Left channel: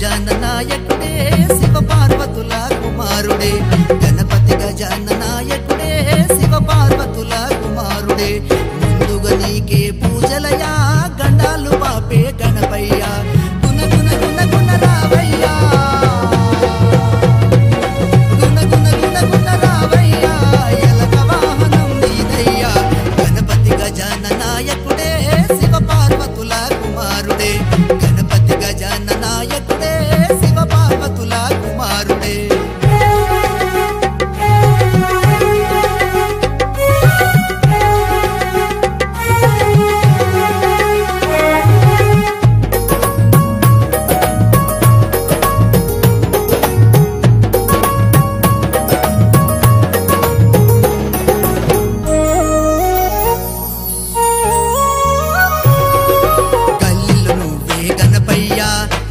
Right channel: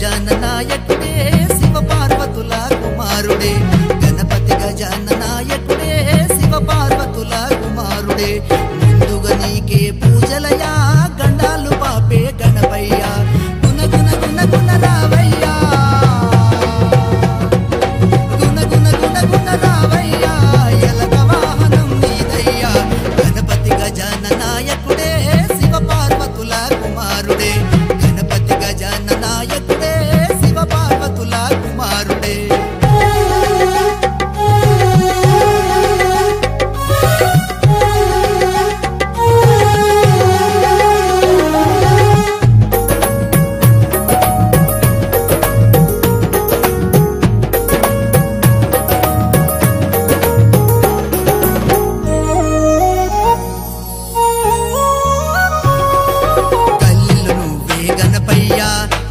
గజాన నాయకుడే శివ పార్వతుల కుమారుడే గణపతి గజాన నాయకుడే శివ పార్వతుల కుమారుడే ముందుగా నీకే పూజలయా గండాలు పాపే గణపయ్యా గుణ గుణ గుణ గుణ రావయ్యా గుణ గుణ గుణ గుణ రావయ్యా ఎలక వాహనం నీదయ్యా గణపతి గజాన నాయకుడే శివ పార్వతుల కుమారుడే గణపతి గజాన నాయకుడే శివ పార్వతుల కుమారుడే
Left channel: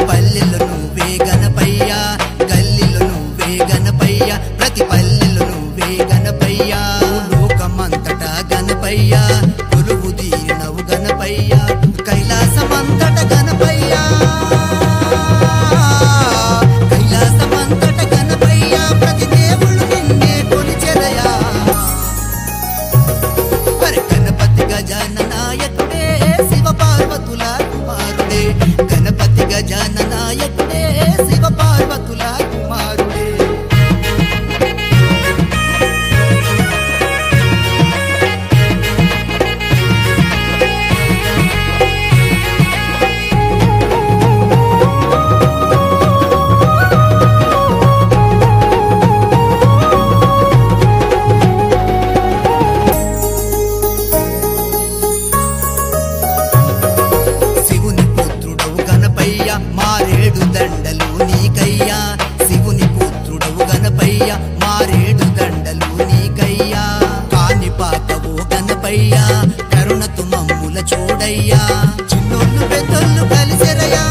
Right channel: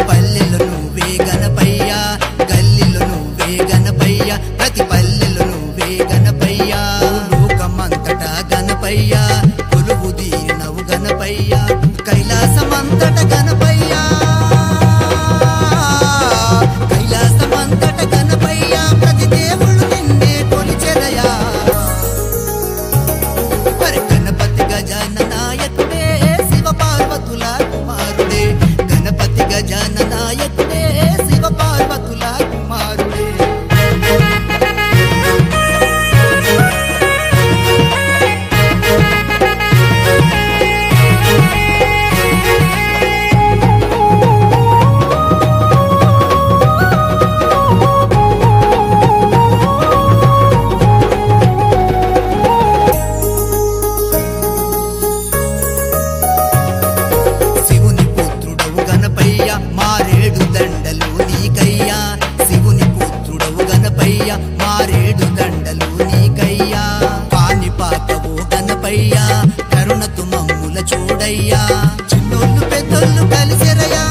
పల్లెల్లో నువ్వే గణపయ్యా గల్లీలో నువ్వే గణపయ్యా ప్రతి పల్లెల్లో నువ్వే గణపయ్యా లోకమంతటా గణపయ్యా కొలువు తీరినవు గణపయ్యా కైలాసమంతట గణపయ్యా కైలాసమంతట గణపయ్యా ప్రతి దేవుళ్ళు నిన్నే కొలిచెదయా మరి గణపతి గజాన నాయకుడే శివ పార్వతుల కుమారుడే గణపతి గజాన నాయకుడే శివ పార్వతుల కుమారుడే మారేడు దండలు నీకయ్యా శివుని పుత్రుడవు గణపయ్యా మారేడు దండలు నీకయ్యా కాని పాకవో గణపయ్యా కరుణతు మమ్ముల చూడయ్యా చిన్నోళ్ళు పెద్దోళ్ళు కలిసెరయ్యా